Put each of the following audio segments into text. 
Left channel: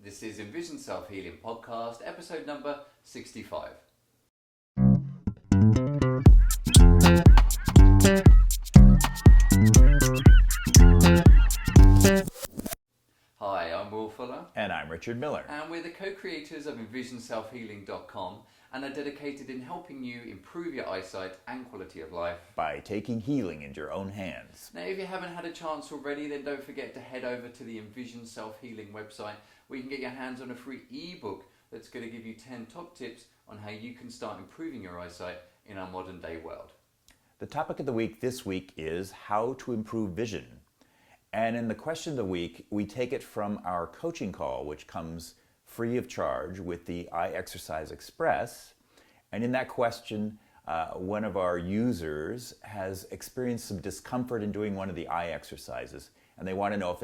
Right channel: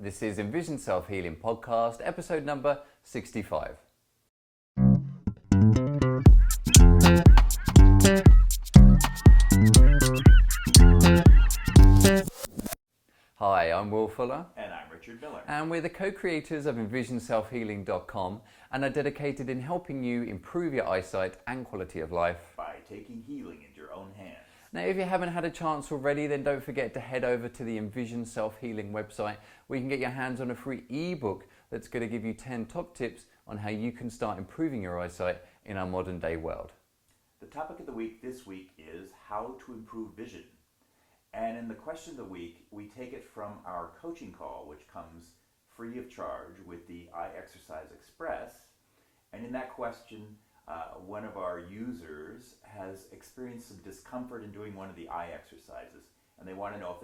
This is Envision Self-Healing Podcast, episode number 65. Hi, I'm Will Fuller. And I'm Richard Miller. And we're the co-creators of EnvisionSelfHealing.com and are dedicated in helping you improve your eyesight and quality of life by taking healing into your own hands. Now, if you haven't had a chance already, then don't forget to head over to the Envision Self-Healing website where you can get your hands on a free ebook that's going to give you 10 top tips on how you can start improving your eyesight in our modern day world. The topic of the week this week is how to improve vision. And in the question of the week, we take it from our coaching call, which comes free of charge with the Eye Exercise Express. And in that question, one of our users has experienced some discomfort in doing one of the eye exercises, and they want to know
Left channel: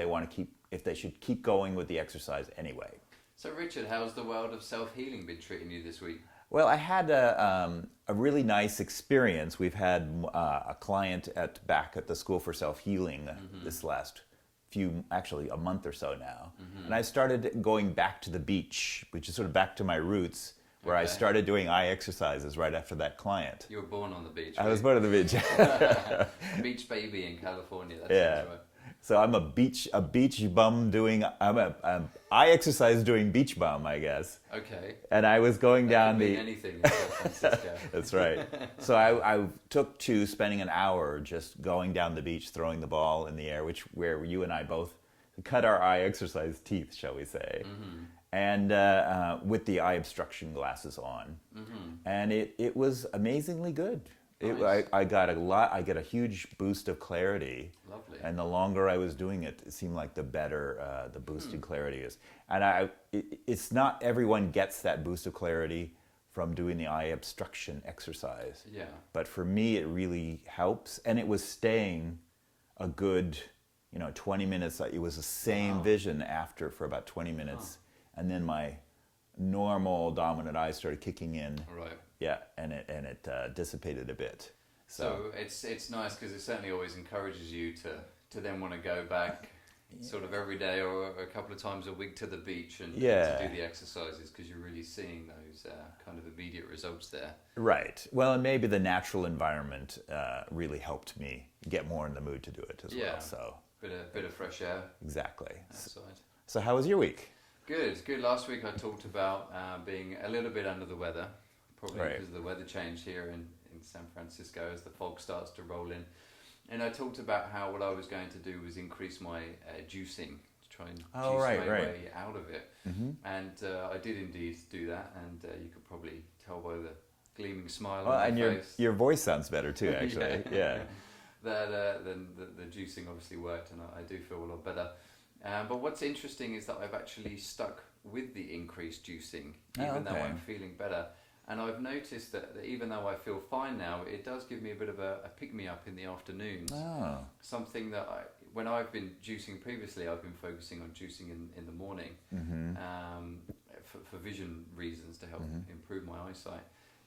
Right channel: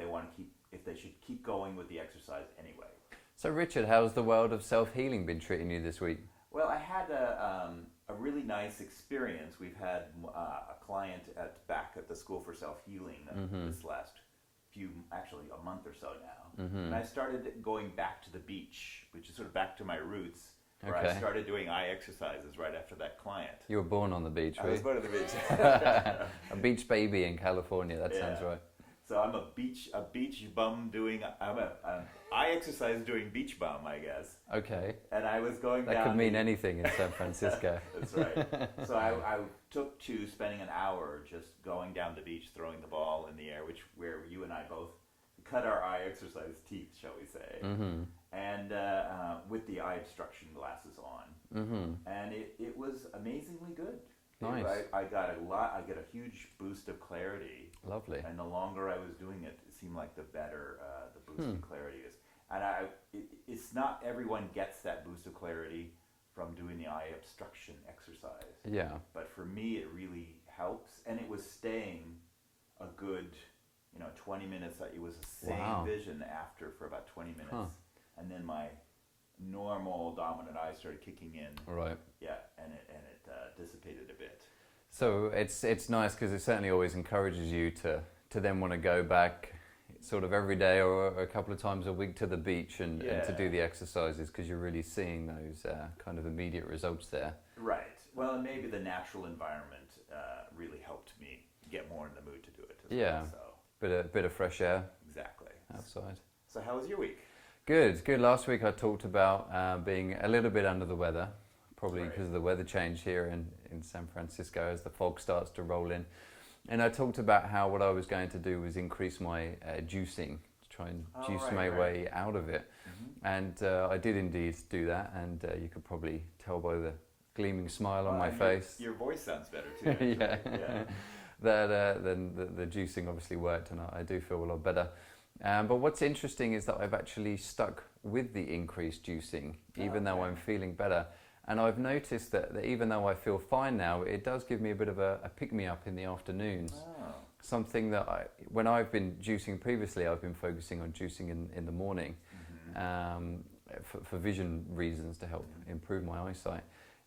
if they should keep going with the exercise anyway. So Richard, how's the world of self-healing been treating you this week? Well, I had a really nice experience. We've had a client back at the School for Self-Healing this last actually a month or so now. And I started going back to the beach, which is sort of back to my roots, where I started doing eye exercises right after that client. You were born on the beach. I was born on the beach. A beach baby in California, that sounds right. So I'm a beach bum I'm an eye exercise doing beach bum, I guess. Okay. And I was going down could mean anything in San Francisco. That's right. So I took to spending an hour just going down the beach, throwing the ball in the air, where you and I both cut our eye exercise teeth, shall we say. And with the eye obstruction glasses on. And it was amazingly good. Nice. I got a huge boost of clarity. Lovely. And the longer I was doing it, it seemed like the better the boost in clarity is. And it's not everyone gets that boost of clarity from doing the eye obstruction exercise. Yeah. But for me, it really helps. And it was staying a good, 20 minutes. It was the same vision for about 20 minutes. And then my normal dominant eye started kicking in. Right. Yeah, and it dissipated a bit. So it's nice because it certainly always encourages you to then want to go back sort of every day or a couple of times a week to the beach and to do the exercises because you're really seeing those kind of immediate results there. Right. Well, and maybe the natural environment really helped me get more in the mood to do it as well. So bit of fresh air. Exactly. Outside. So how was your week? Good. Last week I talked about being a little bit under the weather, probably because of the weather change here in San Francisco as the fog starts to roll in. And I talked about how what I was going to do was increase my juicing, to try and juice my way out of it. And I did indeed do that, and you could probably tell by the gleaming smile on my face. Your voice sounds better too, actually. Yeah. Then the juicing obviously worked, and I do feel a lot better. But what's interesting is that I've actually stuck with the increased juicing, even though I'm feeling better. And I've noticed that even though I feel fine now, it does give me a bit of a pick-me-up in the afternoons. Something that when I've been juicing previously, I've been focusing on juicing in the morning for vision reasons to help improve my eyesight.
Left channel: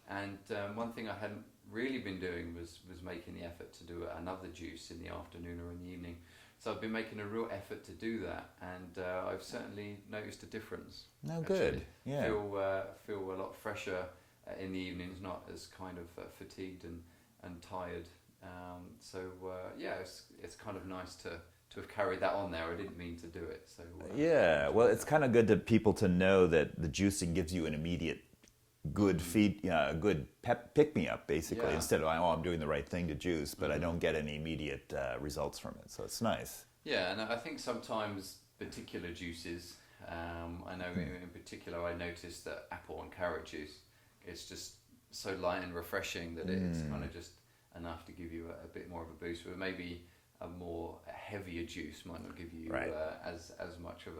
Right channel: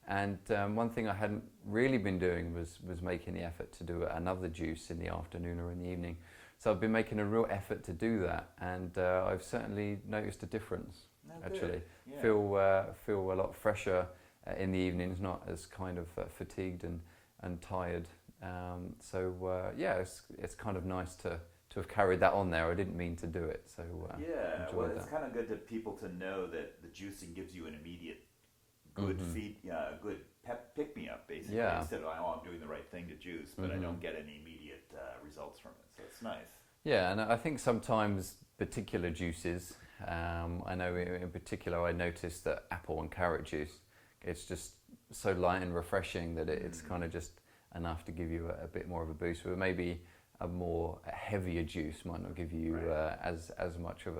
And one thing I hadn't really been doing was making the effort to do another juice in the afternoon or in the evening. So I've been making a real effort to do that, and I've certainly noticed a difference. Oh, good. Yeah. Feel a lot fresher in the evenings, not as kind of fatigued and tired. It's kind of nice to have carried that on there. I didn't mean to do it. So well, it's kind of good to people to know that the juicing gives you an immediate good good pick me up basically, instead of I'm doing the right thing to juice, but I don't get any immediate results from it, so it's nice. Yeah, and I think sometimes particular juices, I know in particular I noticed that apple and carrot juice, it's just so light and refreshing that it's kind of just enough to give you a bit more of a boost, but maybe a heavier juice might not give you as much of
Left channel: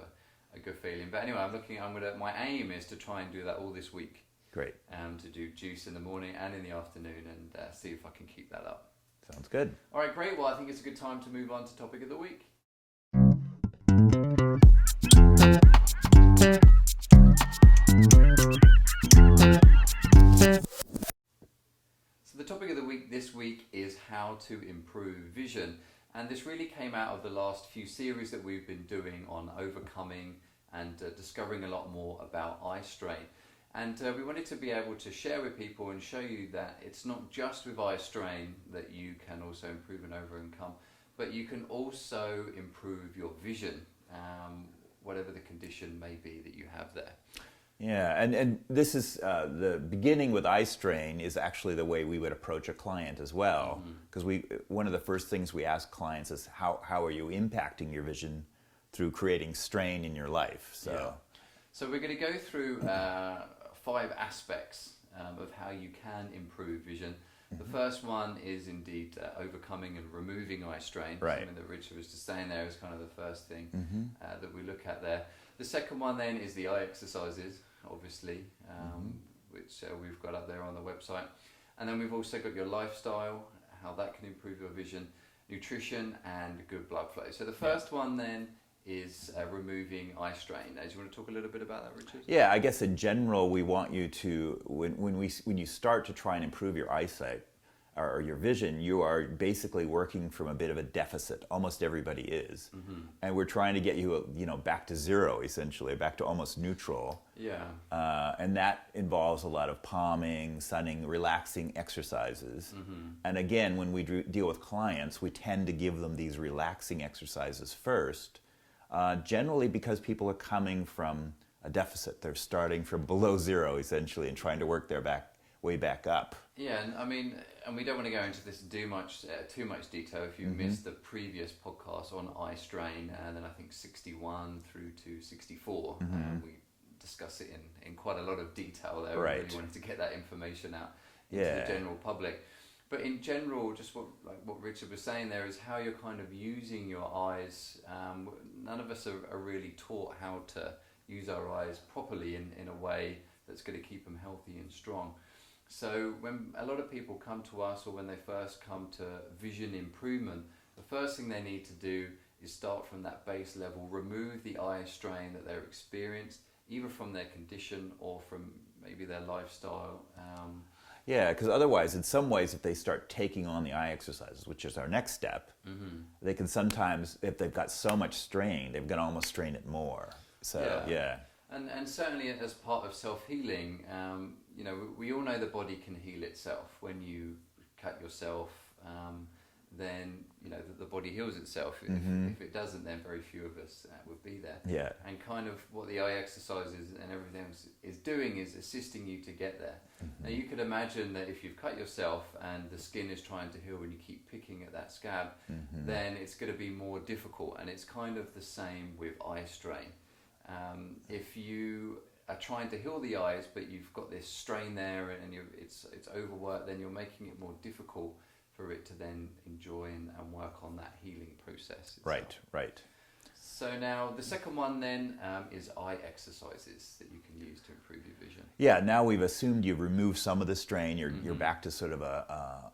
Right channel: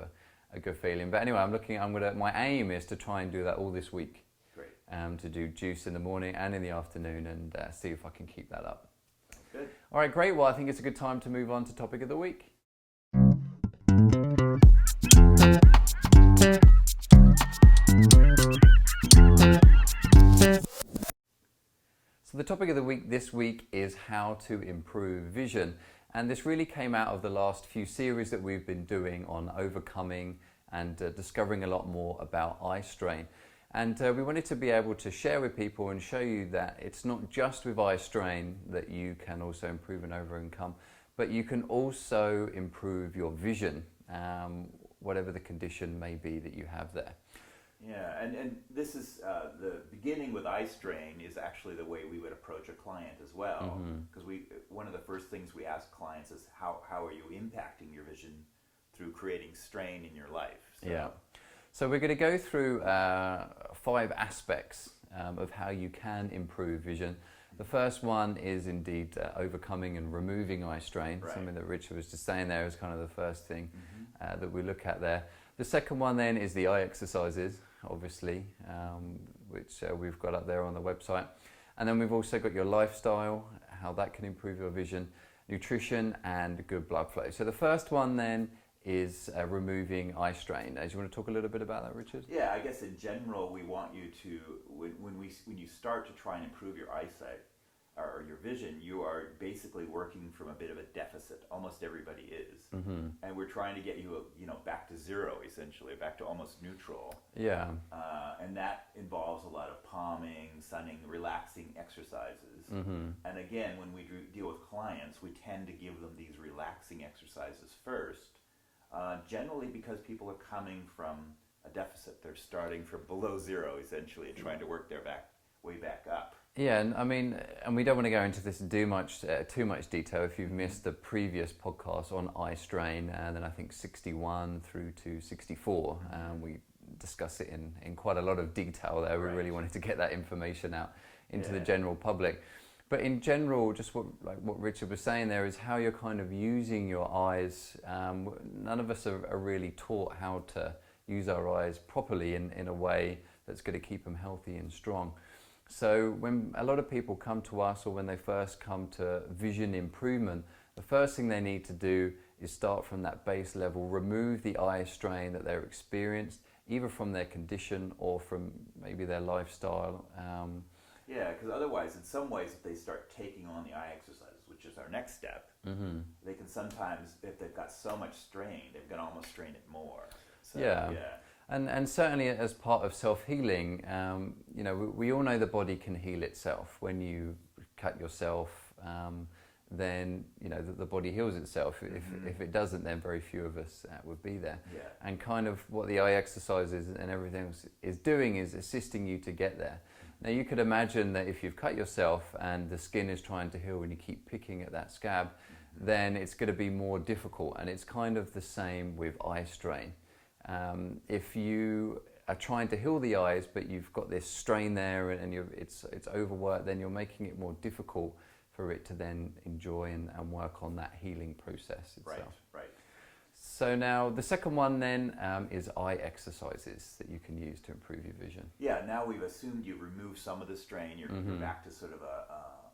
a good feeling. But anyway, my aim is to try and do that all this week. Great. To do juice in the morning and in the afternoon and see if I can keep that up. Sounds good. All right, great. Well, I think it's a good time to move on to topic of the week. So the topic of the week this week is how to improve vision. And this really came out of the last few series that we've been doing on overcoming and discovering a lot more about Eyestrain. And we wanted to be able to share with people and show you that it's not just with Eyestrain that you can also improve and overcome, but you can also improve your vision, whatever the condition may be that you have there. Yeah, and this is the beginning with Eyestrain is actually the way we would approach a client as well, because one of the first things we ask clients is how are you impacting your vision through creating strain in your life. So we're going to go through 5 aspects of how you can improve vision. The first one is indeed overcoming and removing eye strain, something that Richard was just saying there is kind of the first thing that we look at there. The second one then is the eye exercises, obviously, which we've got up there on the website. And then we've also got your lifestyle, how that can improve your vision, nutrition and good blood flow. So the first one then is removing eye strain. Do you want to talk a little bit about that, Richard? Yeah, I guess in general we want you to, when you start to try and improve your eyesight or your vision, you are basically working from a bit of a deficit. Almost everybody is, and we're trying to get you, back to zero, essentially, back to almost neutral. Yeah. And that involves a lot of palming, sunning, relaxing exercises. And again, when we deal with clients, we tend to give them these relaxing exercises first. Generally because people are coming from a deficit. They're starting from below zero, essentially, and trying to work their way back up. Yeah, and we don't want to go into this too much detail. If you missed the previous podcast on Eyestrain, and then I think 61 through to 64, we discuss it in quite a lot of detail there. We really wanted to get that information out into the general public. But in general, just what Richard was saying there is how you're kind of using your eyes. None of us are really taught how to use our eyes properly in a way that's going to keep them healthy and strong. So when a lot of people come to us, or when they first come to vision improvement, the first thing they need to do is start from that base level, remove the eye strain that they're experienced, either from their condition or from maybe their lifestyle. Yeah, because otherwise, in some ways, if they start taking on the eye exercises, which is our next step, they can sometimes, if they've got so much strain, they've got to almost strain it more. So, yeah. And certainly as part of self-healing, we all know the body can heal itself. When you cut yourself, then the body heals itself. If it doesn't, then very few of us would be there. Yeah. And kind of what the eye exercises and everything is doing is assisting you to get there. Now you could imagine that if you've cut yourself and the skin is trying to heal and you keep picking at that scab, then it's going to be more difficult. And it's kind of the same with eye strain. If you are trying to heal the eyes, but you've got this strain there and it's overworked, then you're making it more difficult for it to then enjoy and work on that healing process itself. Right. So now the second one then is eye exercises that you can use to improve your vision. Yeah, now we've assumed you've removed some of the strain. You're back to sort of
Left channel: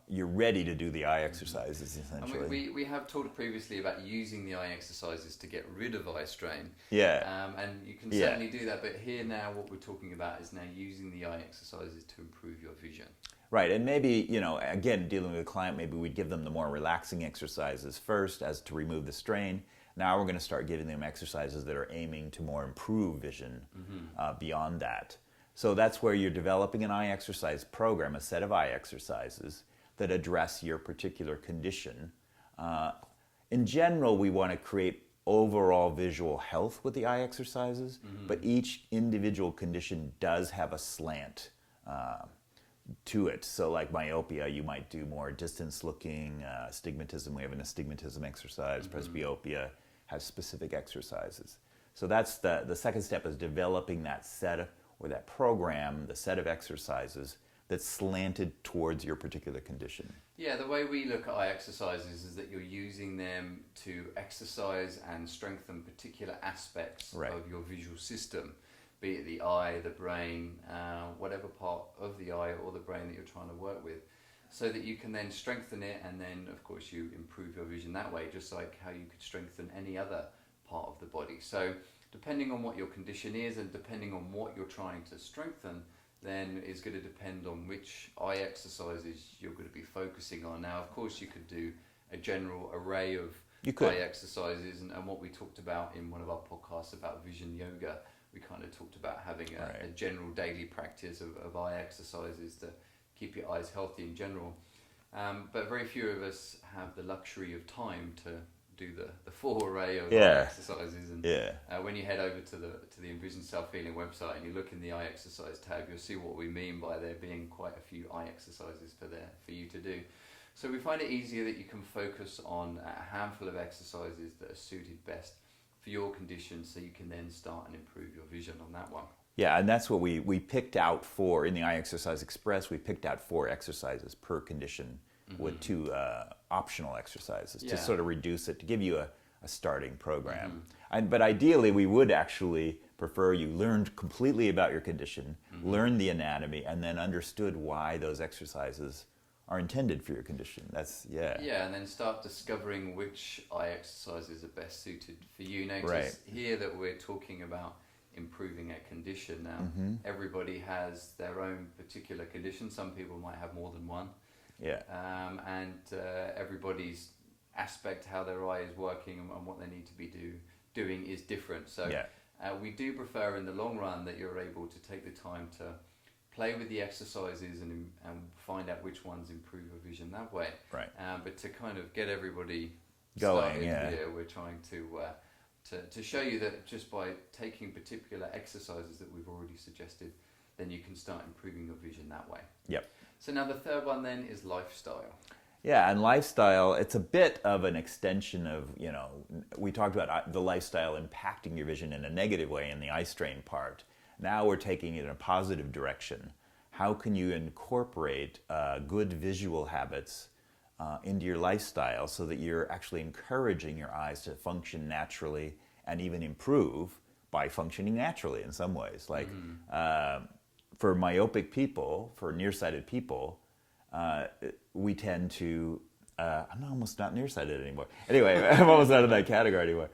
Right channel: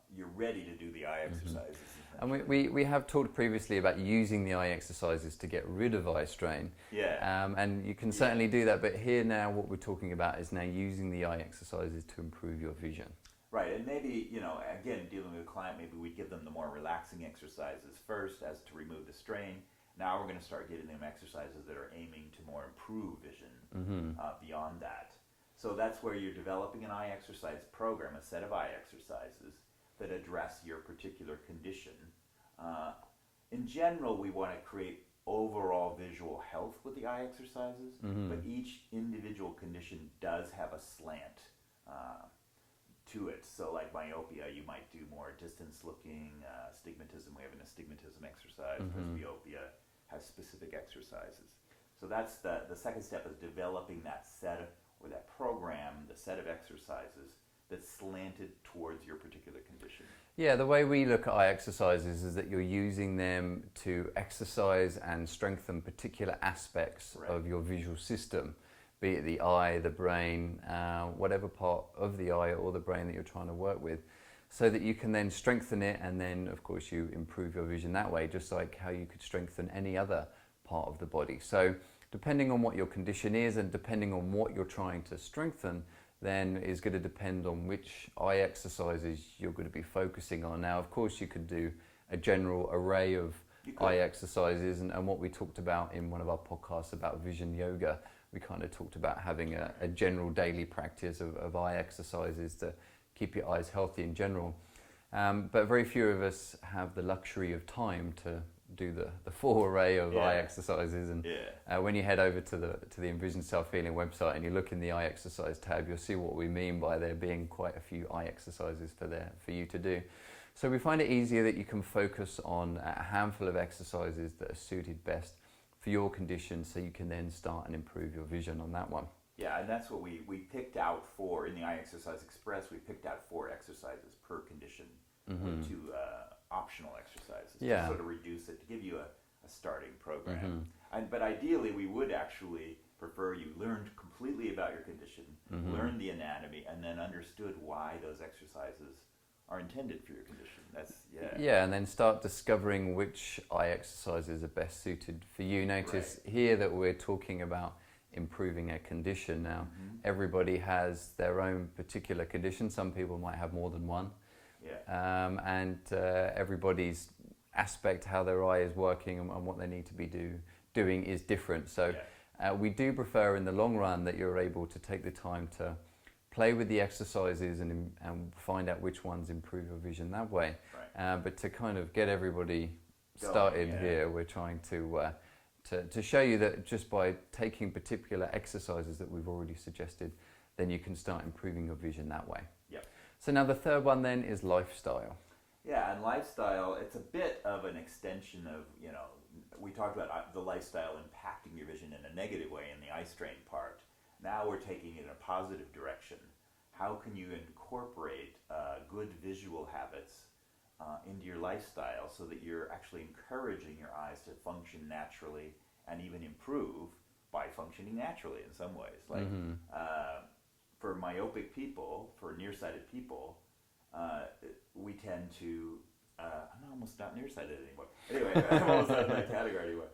you're ready to do the eye exercises, essentially. And we have talked previously about using the eye exercises to get rid of eye strain. Yeah. And you can certainly do that, but here now what we're talking about is now using the eye exercises to improve your vision. Right, and maybe, again, dealing with a client, maybe we'd give them the more relaxing exercises first as to remove the strain. Now we're going to start giving them exercises that are aiming to more improve vision beyond that. So that's where you're developing an eye exercise program, a set of eye exercises that address your particular condition. In general, we want to create overall visual health with the eye exercises, but each individual condition does have a slant to it. So like myopia, you might do more distance looking. Astigmatism, we have an astigmatism exercise. Presbyopia has specific exercises. So that's the second step, is developing that set or that program, the set of exercises that's slanted towards your particular condition. Yeah, the way we look at eye exercises is that you're using them to exercise and strengthen particular aspects of your visual system. Be it the eye, the brain, whatever part of the eye or the brain that you're trying to work with, so that you can then strengthen it, and then of course you improve your vision that way, just like how you could strengthen any other part of the body. So depending on what your condition is and depending on what you're trying to strengthen, then is going to depend on which eye exercises you're going to be focusing on. Now of course you could do a general array of eye exercises, and what we talked about in one of our podcasts about vision yoga. We kind of talked about having a general daily practice of eye exercises to keep your eyes healthy in general. But very few of us have the luxury of time to do the full array of eye exercises. And when you head over to the Envision Self-Healing website and you look in the eye exercise tab, you'll see what we mean by there being quite a few eye exercises for you to do. So we find it easier that you can focus on a handful of exercises that are suited best for your condition, so you can then start and improve your vision on that one. Yeah, and that's what we picked out for, in the Eye Exercise Express, we picked out 4 exercises per condition with 2 optional exercises to sort of reduce it, to give you a starting program. But ideally, we would actually prefer you learned completely about your condition, learned the anatomy, and then understood why those exercises are intended for your condition. And then start discovering which eye exercises are best suited for you. Notice here that we're talking about improving a condition. Now, everybody has their own particular condition. Some people might have more than one. And everybody's aspect, how their eye is working and what they need to be doing is different. So we do prefer in the long run that you're able to take the time to play with the exercises and find out which ones improve your vision that way. But to kind of get everybody started here, we're trying to show you that just by taking particular exercises that we've already suggested, then you can start improving your vision that way. So now the third one then is lifestyle. Yeah, and lifestyle, it's a bit of an extension of, we talked about the lifestyle impacting your vision in a negative way in the Eyestrain part. Now we're taking it in a positive direction. How can you incorporate good visual habits into your lifestyle so that you're actually encouraging your eyes to function naturally and even improve by functioning naturally in some ways? Like for myopic people, for nearsighted people, we tend to I'm almost not nearsighted anymore. Anyway, I'm almost out of that category anymore.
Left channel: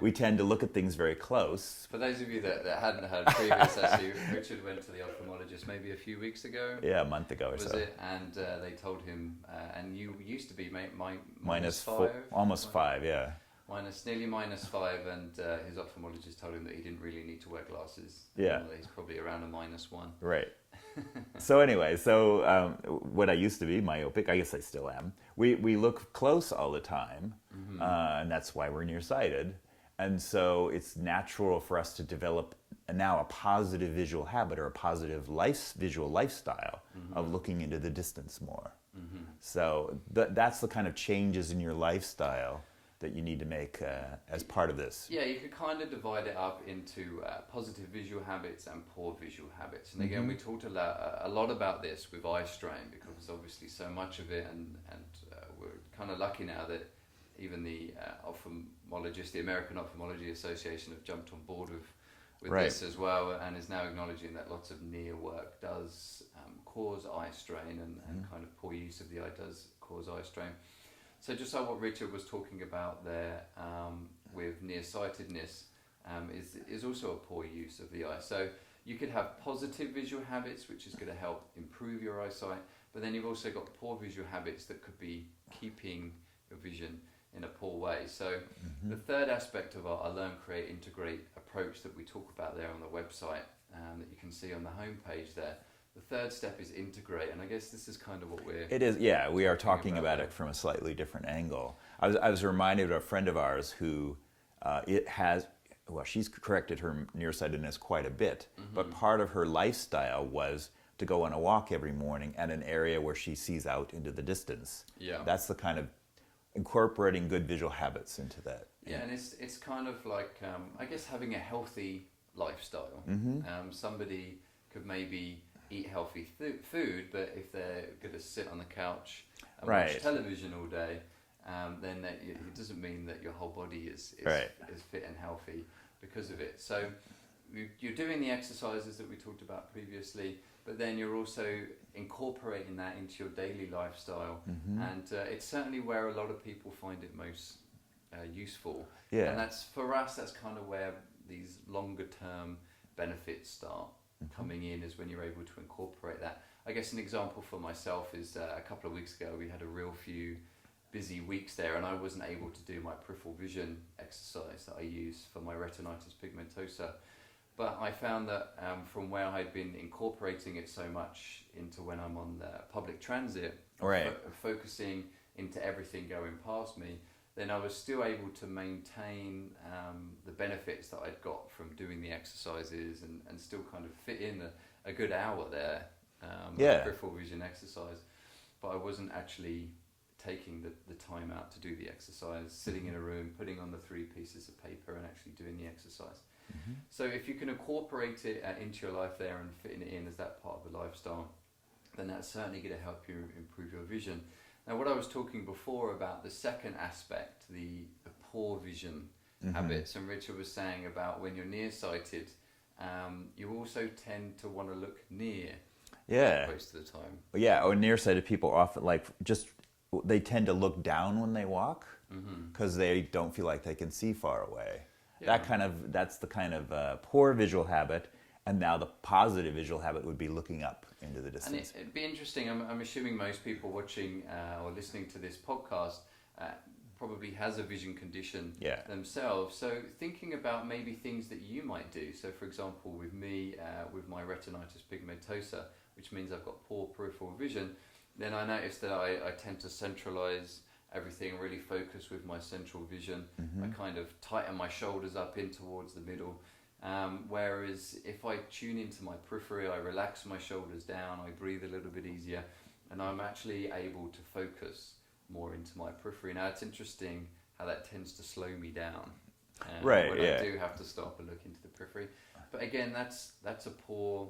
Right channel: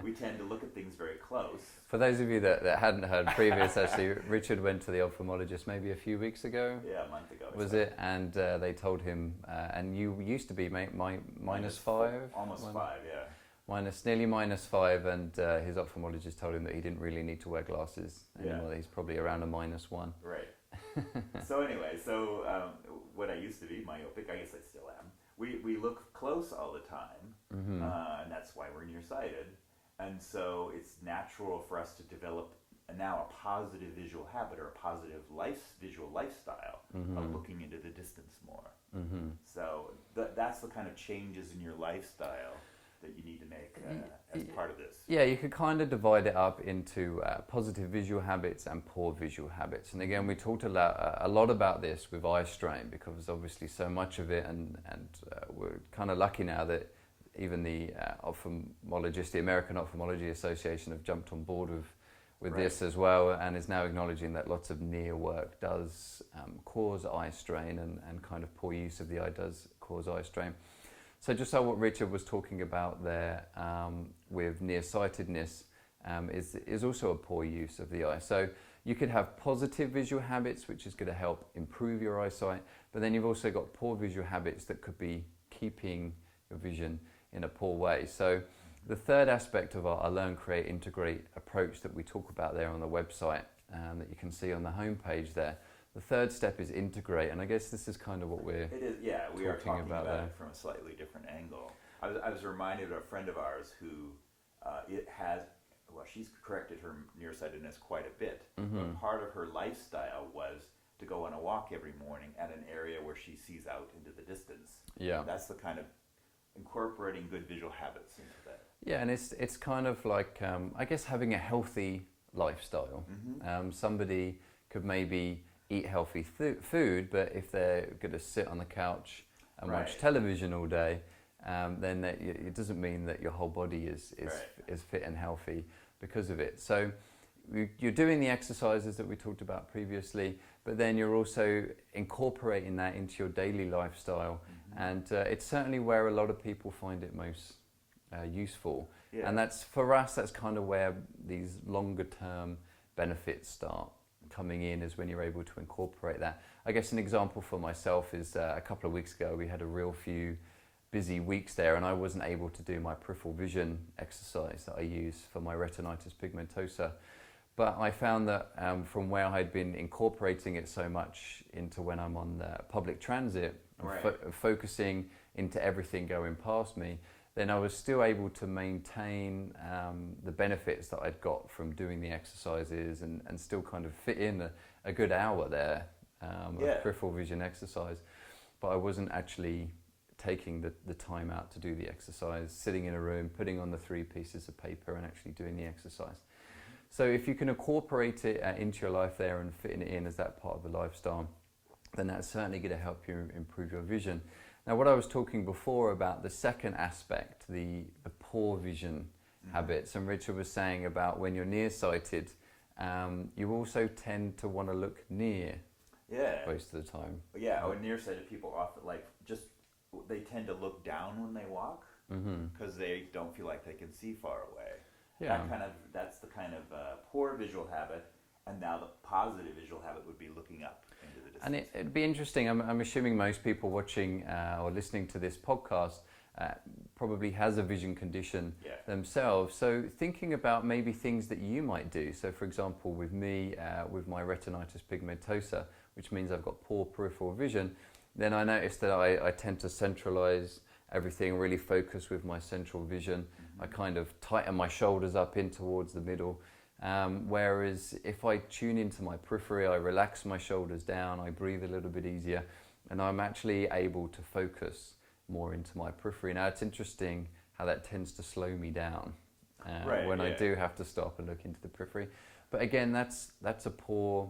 We tend to look at things very close. For those of you that hadn't heard previous, actually, Richard went to the ophthalmologist maybe a few weeks ago. Yeah, a month ago or so. Was it? And they told him, and you used to be minus 5? Almost 5, yeah. Nearly minus 5, and his ophthalmologist told him that he didn't really need to wear glasses. Yeah. He's probably around a -1. Right. So anyway, what I used to be, myopic, I guess I still am, we look close all the time, and that's why we're nearsighted. And so it's natural for us to develop now a positive visual habit or a positive visual lifestyle of looking into the distance more. So that's the kind of changes in your lifestyle that you need to make as part of this. Yeah, you could kind of divide it up into positive visual habits and poor visual habits. And again, we talked a lot about this with Eyestrain because there's obviously so much of it, and we're kind of lucky now that even the ophthalmologists, the American Ophthalmology Association, have jumped on board with this as well, and is now acknowledging that lots of near work does cause eye strain, and kind of poor use of the eye does cause eye strain. So just like what Richard was talking about there with nearsightedness is also a poor use of the eye. So you could have positive visual habits, which is going to help improve your eyesight, but then you've also got poor visual habits that could be keeping your vision in a poor way. So the third aspect of our Learn, Create, Integrate approach that we talk about there on the website that you can see on the homepage there, the third step is integrate, and I guess this is kind of what It is, yeah, we are talking about it from a slightly different angle. I was reminded of a friend of ours who she's corrected her nearsightedness quite a bit, but part of her lifestyle was to go on a walk every morning at an area where she sees out into the distance. Yeah. That's the kind of incorporating good visual habits into that. Yeah, and it's kind of like, I guess, having a healthy lifestyle. Somebody could maybe eat healthy food, but if they're going to sit on the couch and watch television all day, then it doesn't mean that your whole body is fit and healthy because of it. So you're doing the exercises that we talked about previously, but then you're also incorporating that into your daily lifestyle, and it's certainly where a lot of people find it most useful. Yeah. And that's, for us, that's kind of where these longer term benefits start coming in, is when you're able to incorporate that. I guess an example for myself is a couple of weeks ago we had a real few busy weeks there, and I wasn't able to do my peripheral vision exercise that I use for my retinitis pigmentosa. But I found that from where I'd been incorporating it so much into when I'm on the public transit, focusing into everything going past me, then I was still able to maintain the benefits that I'd got from doing the exercises and still kind of fit in a good hour there of peripheral vision exercise. But I wasn't actually taking the time out to do the exercise, sitting in a room, putting on the 3 pieces of paper and actually doing the exercise. Mm-hmm. So if you can incorporate it into your life there and fitting it in as that part of the lifestyle, then that's certainly going to help you improve your vision. Now, what I was talking before about the second aspect, the poor vision habits, and Richard was saying about when you're nearsighted, you also tend to want to look near most of the time. Yeah, or nearsighted people often they tend to look down when they walk because they don't feel like they can see far away. Yeah. That's the kind of poor visual habit, and now the positive visual habit would be looking up into the distance. And it'd be interesting. I'm assuming most people watching or listening to this podcast probably has a vision condition themselves. So thinking about maybe things that you might do. So for example, with me, with my retinitis pigmentosa, which means I've got poor peripheral vision, then I noticed that I tend to centralize everything, really focus with my central vision. I kind of tighten my shoulders up in towards the middle. Whereas if I tune into my periphery, I relax my shoulders down, I breathe a little bit easier, and I'm actually able to focus more into my periphery. Now it's interesting how that tends to slow me down when I do have to stop and look into the periphery. But again, that's a poor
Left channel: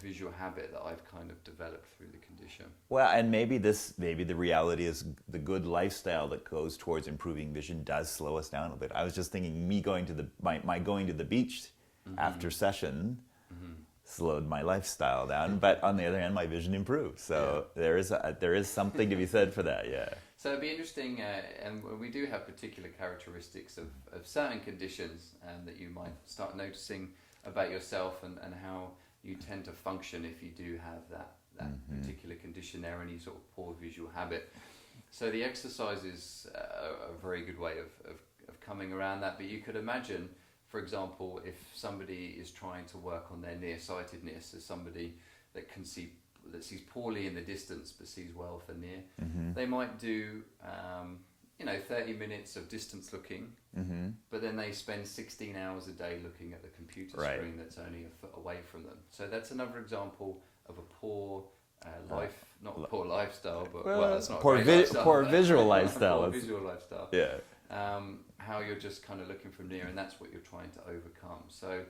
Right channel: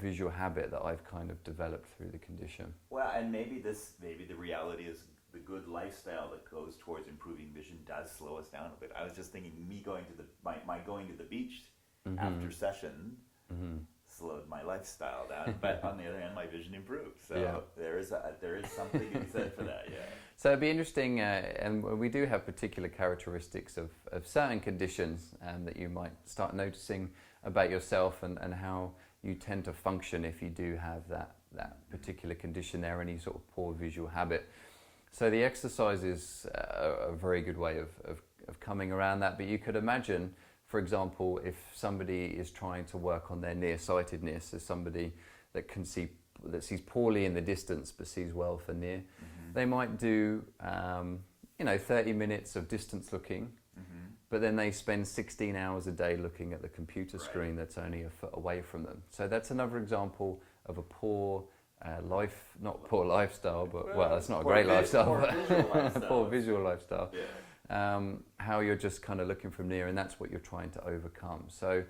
visual habit that I've kind of developed through the condition. Well, and maybe the reality is the good lifestyle that goes towards improving vision does slow us down a bit. I was just thinking me going to the beach after session slowed my lifestyle down, but on the other hand, my vision improved. So there is something to be said for that. Yeah. So it'd be interesting, and we do have particular characteristics of certain conditions that you might start noticing about yourself and how you tend to function if you do have that particular condition there, any sort of poor visual habit. So the exercise is a very good way of coming around that. But you could imagine, for example, if somebody is trying to work on their nearsightedness, as somebody that sees poorly in the distance but sees well for near, they might do 30 minutes of distance looking, but then they spend 16 hours a day looking at the computer screen that's only a foot away from them. So that's another example of a poor poor lifestyle, but that's not a great lifestyle. Poor visual lifestyle. Poor visual lifestyle. Yeah. How you're just kind of looking from near, and that's what you're trying to overcome. So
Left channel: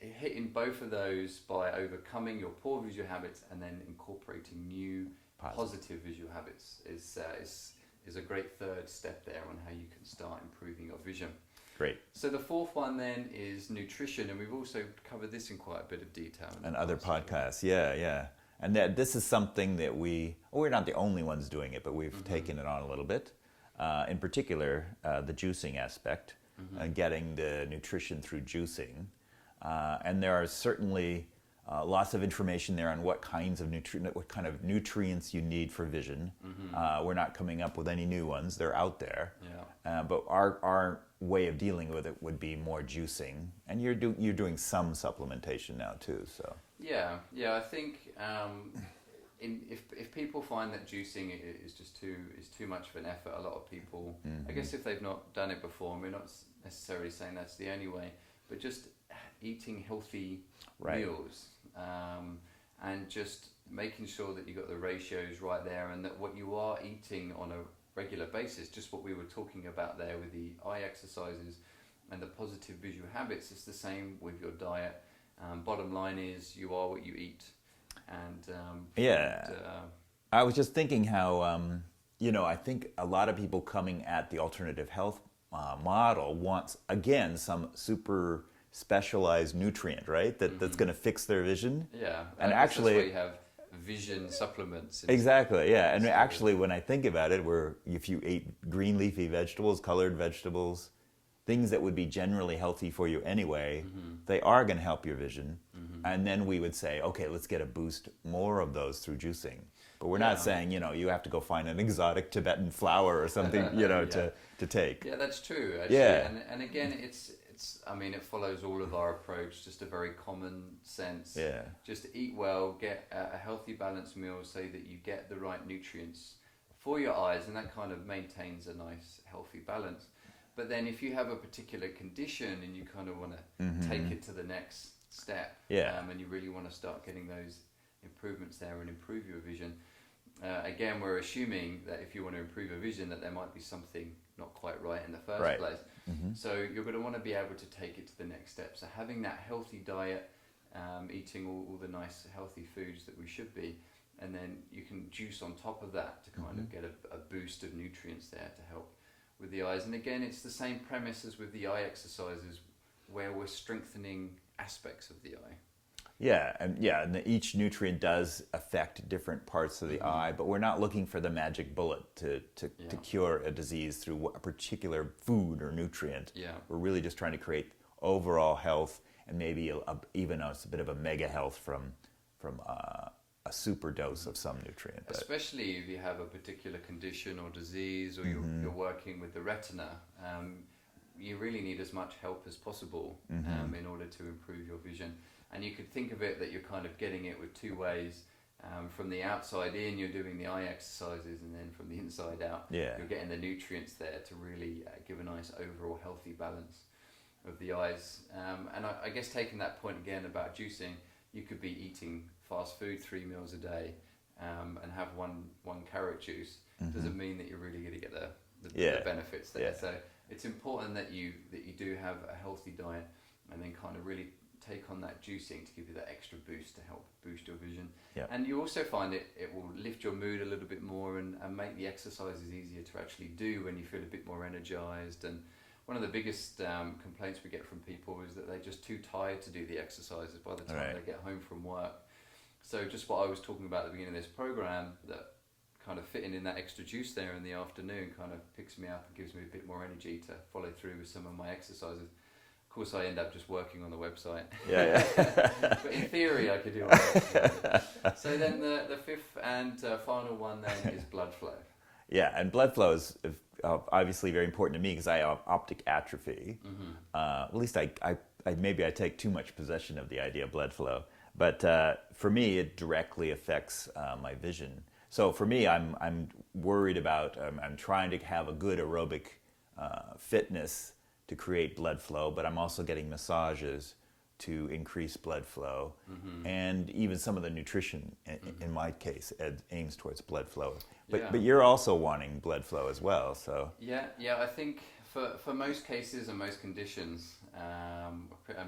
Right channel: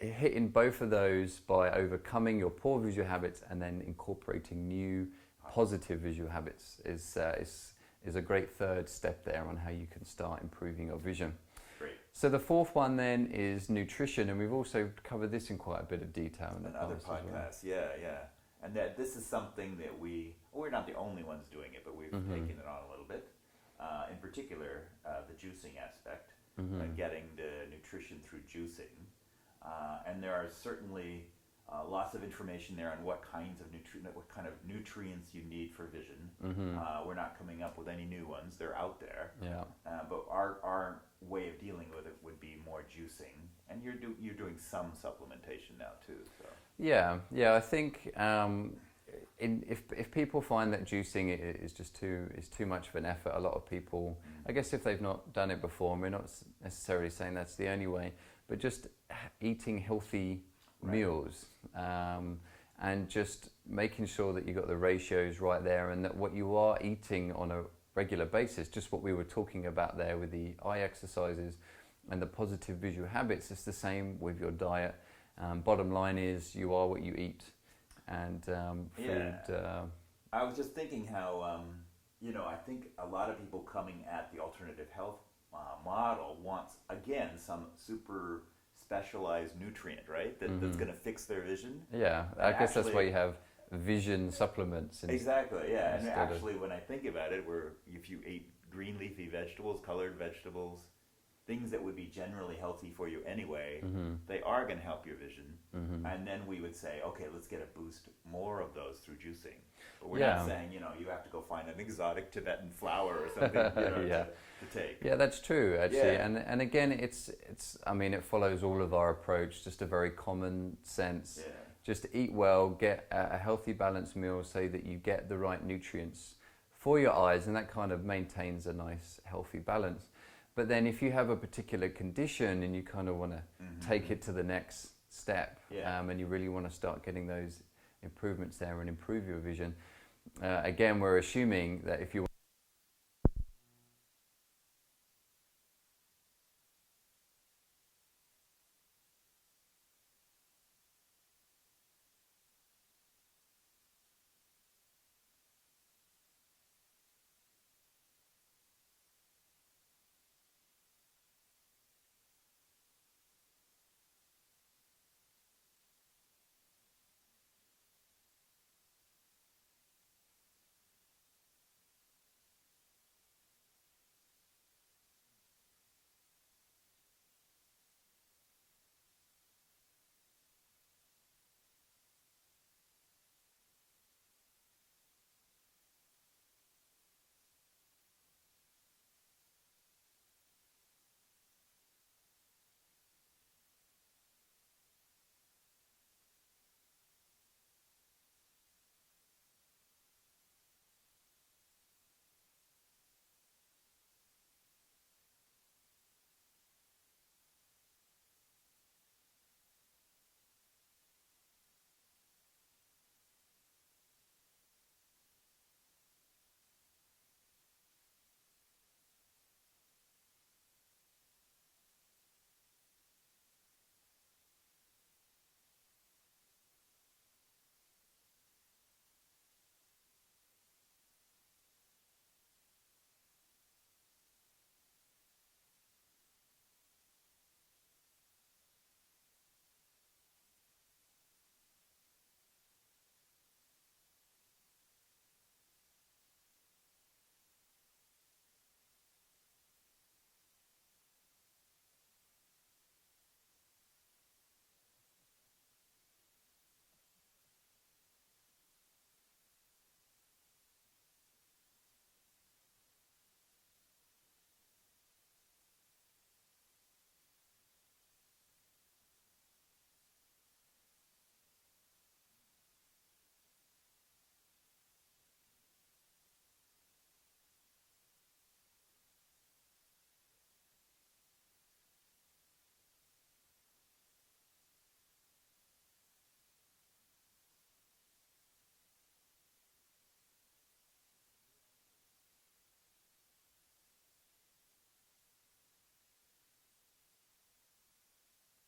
hitting both of those by overcoming your poor visual habits and then incorporating new positive visual habits is a great third step there on how you can start improving your vision. Great. So the fourth one then is nutrition, and we've also covered this in quite a bit of detail. And other podcasts, yeah. And this is something that we're not the only ones doing it, but we've taken it on a little bit. In particular, the juicing aspect, getting the nutrition through juicing. And there are certainly lots of information there on what kind of nutrients you need for vision. We're not coming up with any new ones; they're out there. Yeah. But our way of dealing with it would be more juicing, and you're doing some supplementation now too. So yeah. I think if people find that juicing is too much of an effort, a lot of people, I guess if they've not done it before, and we're not necessarily saying that's the only way, but just eating healthy meals and just making sure that you got the ratios right there, and that what you are eating on a regular basis, just what we were talking about there with the eye exercises and the positive visual habits, it's the same with your diet. Bottom line is you are what you eat. And I was just thinking how I think a lot of people coming at the alternative health model wants, again, some super specialized nutrient, right? That's going to fix their vision. Yeah, and actually, that's why you have vision supplements. Exactly, yeah. And actually, when I think about it, if you ate green leafy vegetables, colored vegetables, things that would be generally healthy for you anyway, they are going to help your vision. And then we would say, okay, let's get a boost more of those through juicing. But we're not saying, you have to go find an exotic Tibetan flower or something, to take. Yeah, that's true, actually. Yeah. And again, it's it follows all of our approach, just a very common sense. Yeah. Just eat well, get a healthy, balanced meal so that you get the right nutrients for your eyes, and that kind of maintains a nice, healthy balance. But then if you have a particular condition and you kind of want to take it to the next step, and you really want to start getting those improvements there and improve your vision, again, we're assuming that if you want to improve your vision, that there might be something not quite right in the first place. So you're going to want to be able to take it to the next step. So having that healthy diet, eating all the nice healthy foods that we should be, and then you can juice on top of that to kind of get a boost of nutrients there to help with the eyes. And again, it's the same premise as with the eye exercises, where we're strengthening aspects of the eye. And each nutrient does affect different parts of the eye, but we're not looking for the magic bullet to cure a disease through a particular food or nutrient. We're really just trying to create overall health, and maybe even a bit of a mega health from a super dose of some nutrient. Especially if you have a particular condition or disease, or you're working with the retina, you really need as much help as possible in order to improve your vision. And you could think of it that you're kind of getting it with two ways. From the outside in, you're doing the eye exercises, and then from the inside out, you're getting the nutrients there to really give a nice overall healthy balance of the eyes. And I guess taking that point again about juicing, you could be eating fast food 3 meals a day and have one carrot juice. Doesn't mean that you're really going to get the benefits there. So it's important that you do have a healthy diet, and then kind of really take on that juicing to give you that extra boost to help boost your vision. And you also find it will lift your mood a little bit more and make the exercises easier to actually do when you feel a bit more energized. And one of the biggest complaints we get from people is that they're just too tired to do the exercises by the time they get home from work. So just what I was talking about at the beginning of this program, that kind of fitting in that extra juice there in the afternoon kind of picks me up and gives me a bit more energy to follow through with some of my exercises. Of course, I end up just working on the website. But in theory, I could do all that. So then the fifth and final one then is blood flow. And blood flow is obviously very important to me because I have optic atrophy. At least I maybe I take too much possession of the idea of blood flow. But for me, it directly affects my vision. So for me, I'm worried about, I'm trying to have a good aerobic fitness to create blood flow, but I'm also getting massages to increase blood flow. And even some of the nutrition, in my case, aims towards blood flow. But you're also wanting blood flow as well, so. I think for most cases and most conditions,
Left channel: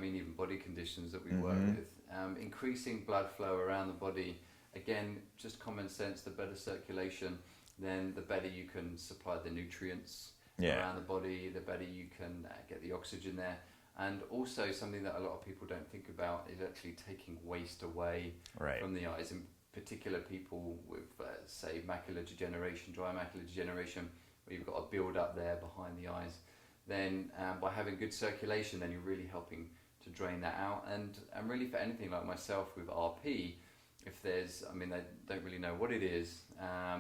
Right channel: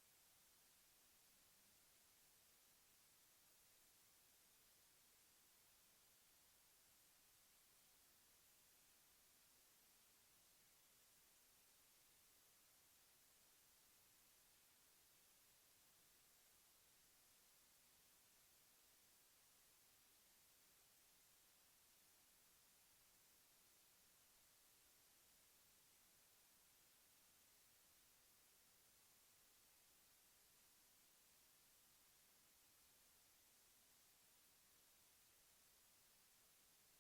even body conditions that we work with, increasing blood flow around the body, again, just common sense, the better circulation, then the better you can supply the nutrients around the body, the better you can get the oxygen there. And also something that a lot of people don't think about is actually taking waste away from the eyes, in particular people with, say, macular degeneration, dry macular degeneration, where you've got a build up there behind the eyes. Then by having good circulation, then you're really helping to drain that out. And really for anything like myself with RP, if there's, they don't really know what it is,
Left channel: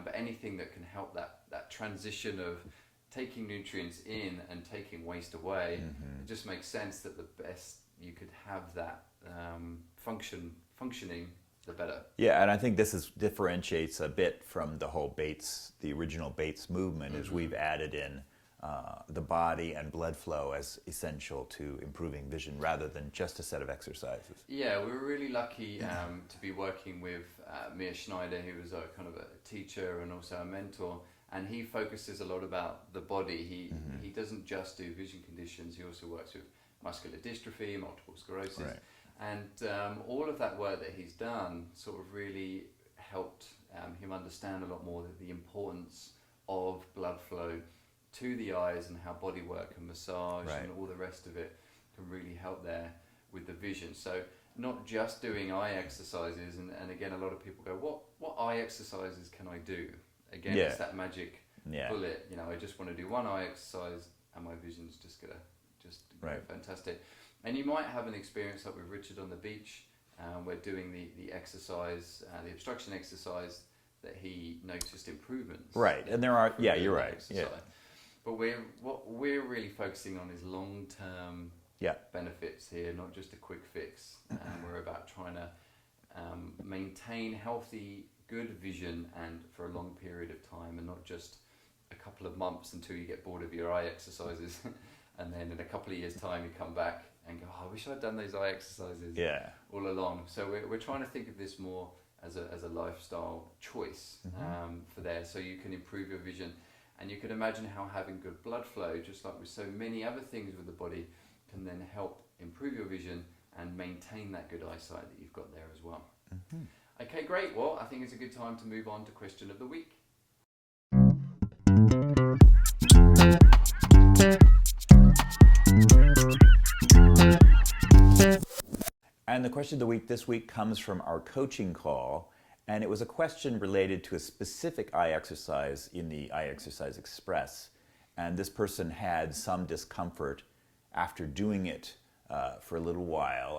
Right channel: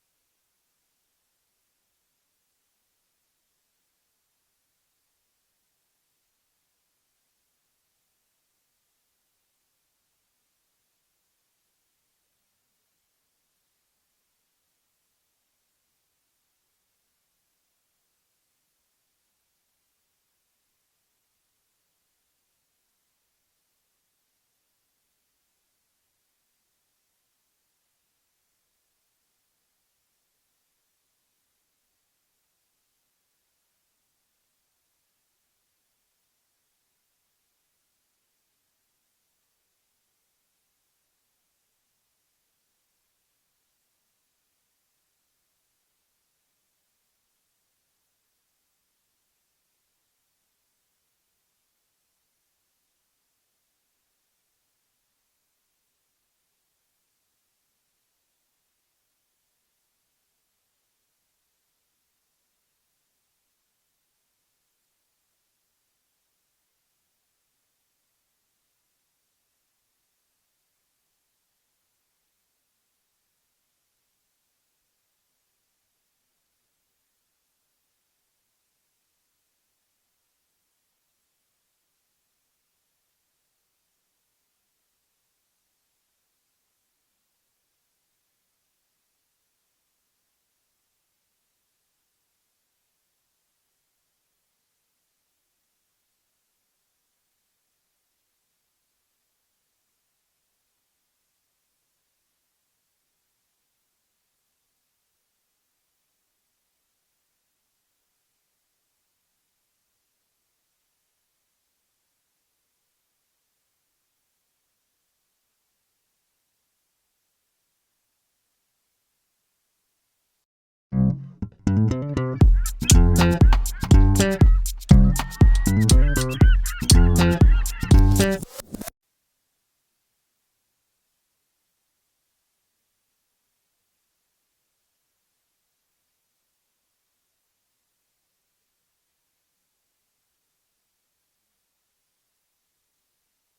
but anything that can help that transition of taking nutrients in and taking waste away, it just makes sense that the best you could have that functioning, the better. And I think this differentiates a bit from the whole the original Bates movement, is we've added in the body and blood flow as essential to improving vision rather than just a set of exercises. We were really lucky to be working with Mia Schneider, who was a kind of a teacher and also a mentor, and he focuses a lot about the body. He doesn't just do vision conditions, he also works with muscular dystrophy, multiple sclerosis, and all of that work that he's done sort of really helped him understand a lot more the importance of blood flow to the eyes and how body work and massage and all the rest of it can really help there with the vision. So not just doing eye exercises, and again, a lot of people go, what eye exercises can I do? Again, it's that magic bullet. I just want to do one eye exercise and my vision's just go fantastic. And you might have an experience like with Richard on the beach. We're doing the exercise, the obstruction exercise that he noticed improvements. Right, and there are, yeah, you're right. Exercise. Yeah. But what we're really focusing on is long-term benefits here, not just a quick fix. We're about trying to maintain healthy, good vision and for a long period of time, and not just a couple of months until you get bored of your eye exercises, and then in a couple of years' time you come back and go, oh, I wish I'd done those eye exercises all along. So we're trying to think of this more as a lifestyle choice for there, so you can improve your vision. And you can imagine how having good blood flow, just like with so many other things with the body, can then help improve your vision and maintain that good eyesight that you've got there as well. Okay, great. Well, I think it's a good time to move on to question of the week. And the question of the week this week comes from our coaching call, and it was a question related to a specific eye exercise in the Eye Exercise Express. And this person had some discomfort after doing it for a little while.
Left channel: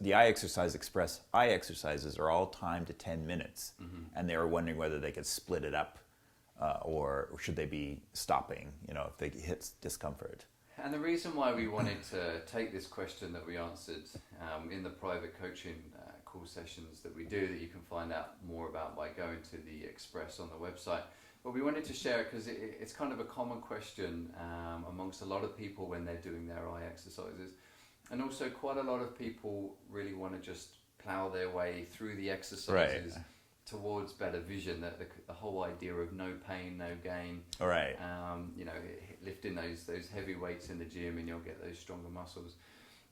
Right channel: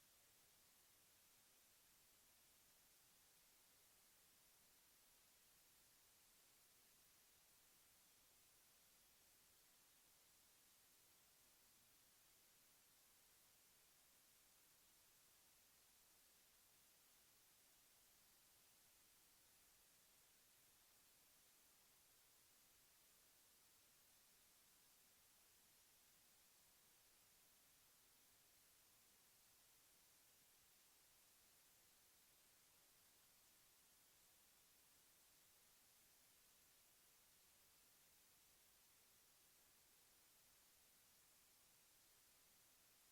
The Eye Exercise Express eye exercises are all timed to 10 minutes, and they were wondering whether they could split it up or should they be stopping, if they hit discomfort. And the reason why we wanted to take this question that we answered in the private coaching call sessions that we do, that you can find out more about by going to the Express on the website. But we wanted to share it because it's kind of a common question amongst a lot of people when they're doing their eye exercises. And also quite a lot of people really want to just plow their way through the exercises towards better vision. The whole idea of no pain, no gain. Right. Lifting those heavy weights in the gym and you'll get those stronger muscles.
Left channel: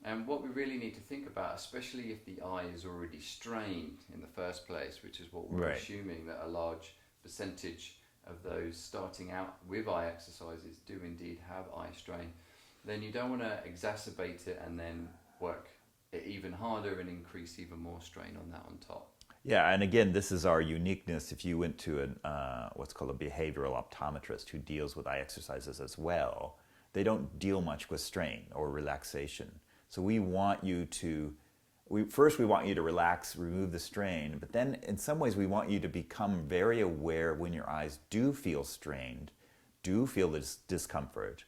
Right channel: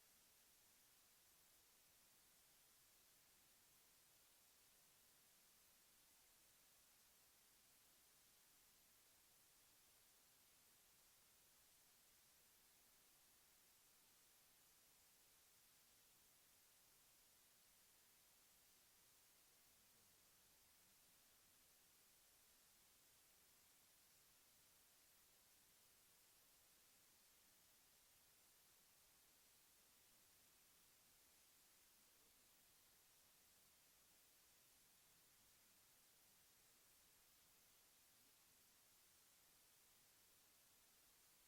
And what we really need to think about, especially if the eye is already strained in the first place, which is what we're assuming that a large percentage of those starting out with eye exercises do indeed have eye strain, then you don't want to exacerbate it and then work it even harder and increase even more strain on that on top. Yeah, and again, this is our uniqueness. If you went to what's called a behavioral optometrist who deals with eye exercises as well, they don't deal much with strain or relaxation. So we want you to, first we want you to relax, remove the strain, but then in some ways we want you to become very aware when your eyes do feel strained, do feel this discomfort,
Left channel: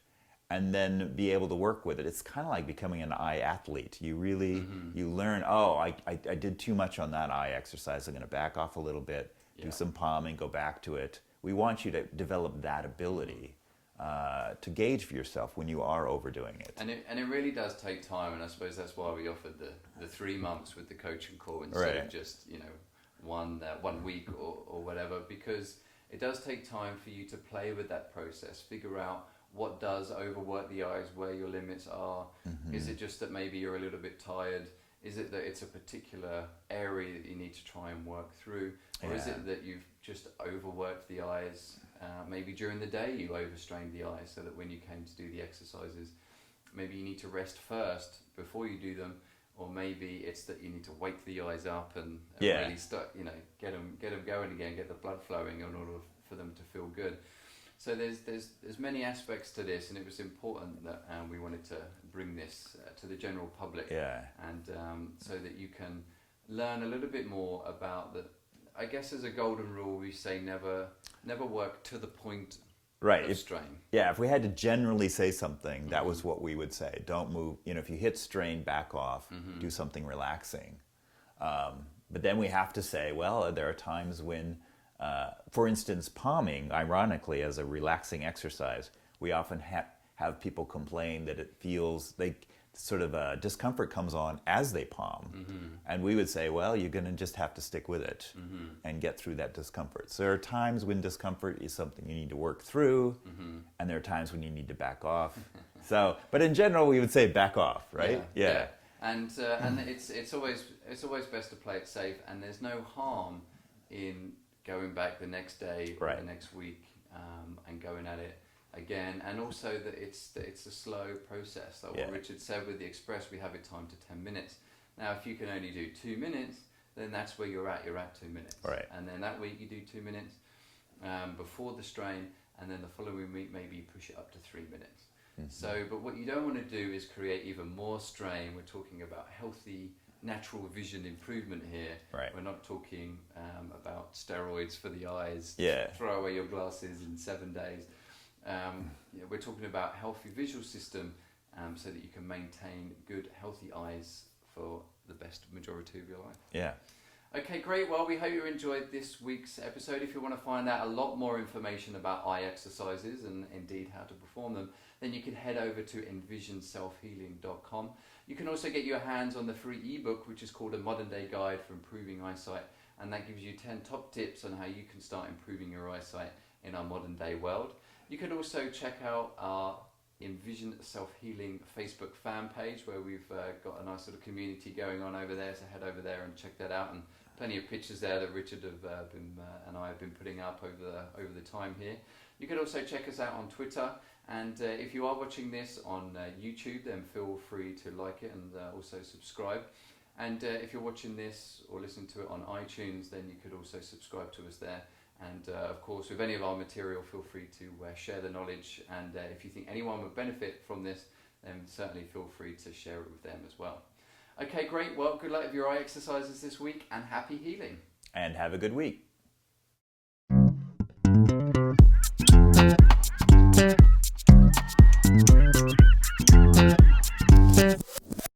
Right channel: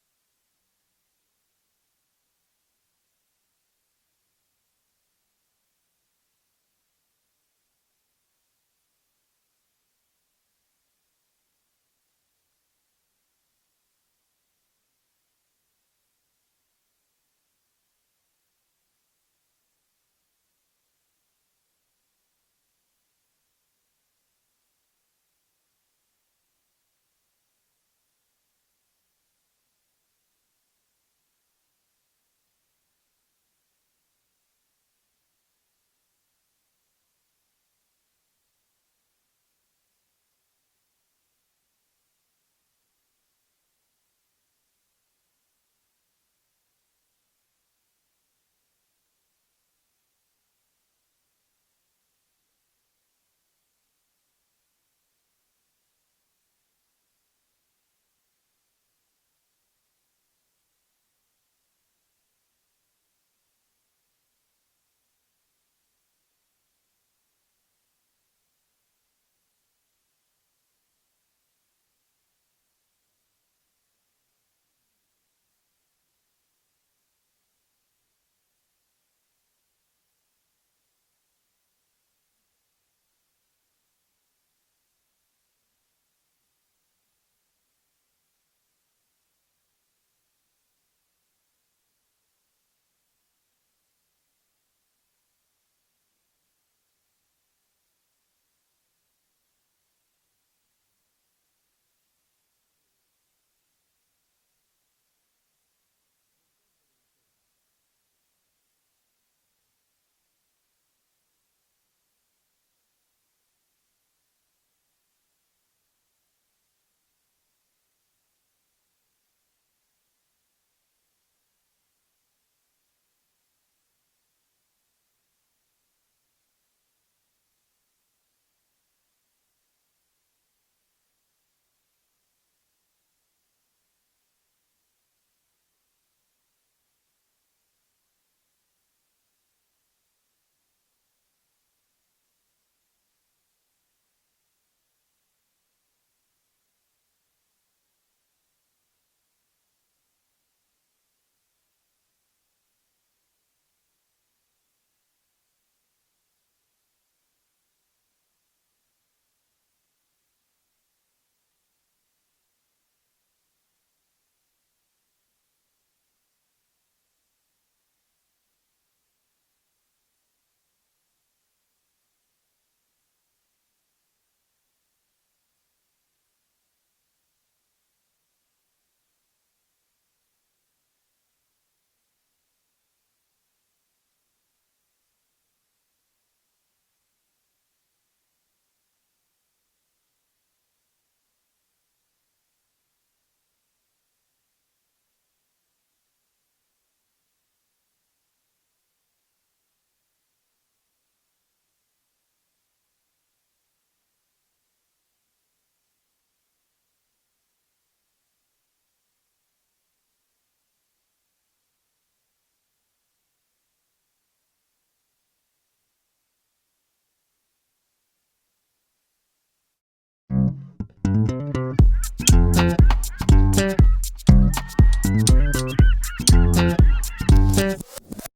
and then be able to work with it. It's kind of like becoming an eye athlete. You really, you learn, I did too much on that eye exercise. I'm going to back off a little bit, do some palming, go back to it. We want you to develop that ability to gauge for yourself when you are overdoing it. And it really does take time, and I suppose that's why we offered the 3 months with the coaching call instead of just 1 week or whatever, because it does take time for you to play with that process, figure out what does overwork the eyes, where your limits are. Is it just that maybe you're a little bit tired? Is it that it's a particular area that you need to try and work through? Or is it that you've just overworked the eyes? Maybe during the day you overstrained the eyes so that when you came to do the exercises, maybe you need to rest first before you do them, or maybe it's that you need to wake the eyes up and really start, get them going again, get the blood flowing in order for them to feel good. So there's many aspects to this, and it was important that we wanted to bring this to the general public, and so that you can learn a little bit more about the. I guess as a golden rule, we say never work to the point of strain. If we had to generally say something, that was what we would say. Don't move. If you hit strain, back off. Do something relaxing. But then we have to say, well, there are times when. For instance, palming, ironically, as a relaxing exercise, we often have people complain that it feels sort of a discomfort comes on as they palm. And we would say, well, you're going to just have to stick with it and get through that discomfort. So there are times when discomfort is something you need to work through, and there are times when you need to back off. But in general, we would say back off, right? Yeah. And it's always best to play it safe, and there's no harm in going back the next day or the next week and going at it again. And also that it's a slow process. Like what Richard said with the Express, we have it timed to 10 minutes. Now, if you can only do 2 minutes, then that's where you're at 2 minutes. Right. And then that week you do 2 minutes before the strain, and then the following week maybe you push it up to 3 minutes. But what you don't want to do is create even more strain. We're talking about healthy, natural vision improvement here. Right. We're not talking about steroids for the eyes. Yeah. Throw away your glasses in 7 days. We're talking about healthy visual system so that you can maintain good, healthy eyes for the best majority of your life. Yeah. Okay, great. Well, we hope you enjoyed this week's episode. If you want to find out a lot more information about eye exercises and indeed how to perform them, then you can head over to envisionselfhealing.com. You can also get your hands on the free ebook, which is called A Modern Day Guide for Improving Eyesight, and that gives you 10 top tips on how you can start improving your eyesight in our modern day world. You can also check out our Envision Self-Healing Facebook fan page, where we've got a nice little community going on over there, so head over there and check that out, and plenty of pictures there that Richard and I have been putting up over the time here. You can also check us out on Twitter, and if you are watching this on YouTube, then feel free to like it and also subscribe. And if you're watching this or listening to it on iTunes, then you could also subscribe to us there. And of course, with any of our material, feel free to share the knowledge. And if you think anyone would benefit from this, then certainly feel free to share it with them as well. Okay, great. Well, good luck with your eye exercises this week, and happy healing. And have a good week.